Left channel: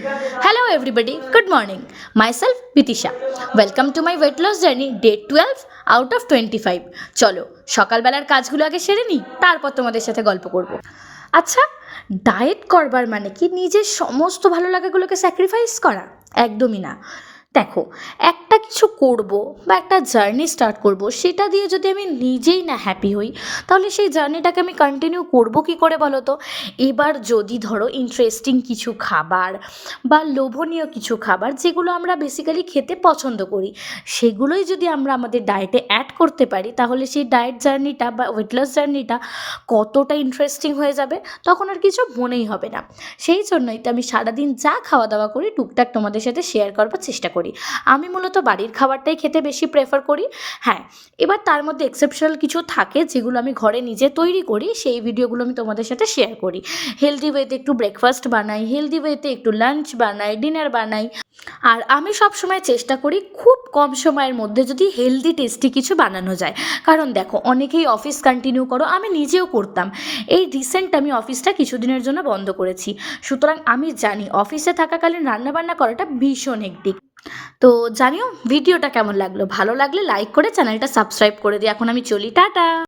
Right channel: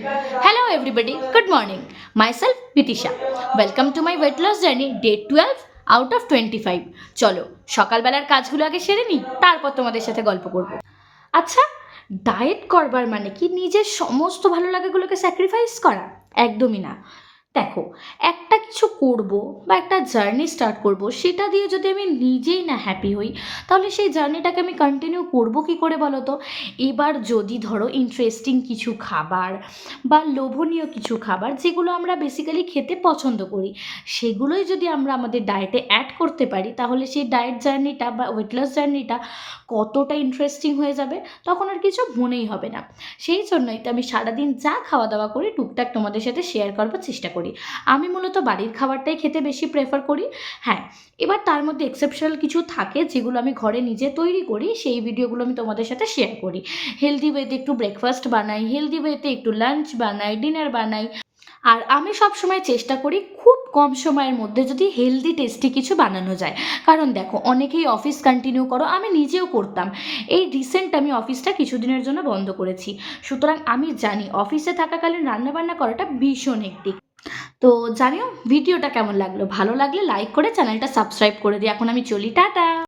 Hello everybody, good morning. Myself Bitisha. Welcome to my weight loss journey day 12 out of 25. চলো সকালবেলার কাজগুলো আগে সেরে নিই, তারপর তোমাদের সাথে গল্প করব। আচ্ছা, ডায়েট করবার মানে কি নিজের সমস্ত ভালো লাগাগুলোকে স্যাক্রিফাইস করা? একদমই না। দেখো, একটা কিছু করব বা একটা জার্নি স্টার্ট করব, সেটা দিয়ে যদি আমি নিজেই না হ্যাপি হই, তাহলে সেই জার্নিটাকে আমি কন্টিনিউ করব কী করে বলো তো? এবার যদি ধরো ইন্টারেস্টিং কিছু খাবার বা লোভনীয় কিছু খাবার যেগুলো আমরা বেসিক্যালি খেতে পছন্দ করি, সেগুলোই যদি আমরা আমাদের ডায়েটে অ্যাড করতে পারি, তাহলে সেই ডায়েট জার্নিটা বা ওয়েট লস জার্নিটা কতটা ইন্টারেস্টিং হয়ে যাবে, তখন আর কিছু মনেই হবে না। সেই জন্যই তো আমি সারাদিন যা খাওয়া দাওয়া করি টুকটাক তোমাদের সাথে শেয়ার করবার চেষ্টা করি। আমি মূলত বাড়ির খাবারটাই খেতে বেশি প্রেফার করি। হ্যাঁ, এবার তার মধ্যে এক্সেপশনাল কিছু থাকে যেগুলো আমি ঘরে নিজে তৈরি করি, সেই ভিডিওগুলো আমি তোমাদের সাথে শেয়ার করি। হেলদি ওয়েতে একটু ব্রেকফাস্ট বানাই, হেলদি ওয়েতে একটু লাঞ্চ বানাই, ডিনার বানাই। আর আমি সবসময় চেষ্টা করি খুব কম সময়ের মধ্যে যদি হেলদি টেস্টি কিছু বানানো যায়। কারণ দেখো, অনেকেই অফিস কন্টিনিউ করো, আমি নিজেও করতাম। এই রিসেন্ট আমি অফিসটা কিছুদিনের জন্য বন্ধ করেছি। সুতরাং আমি জানি অফিসে থাকাকালীন রান্নাবান্না করাটা ভীষণ হেক্টিক। তো জানিও ভিডিওটা কেমন লাগলো, ভালো লাগলে লাইক করে চ্যানেলটা সাবস্ক্রাইব করে দিই। এখন আমি চলি, টাটা।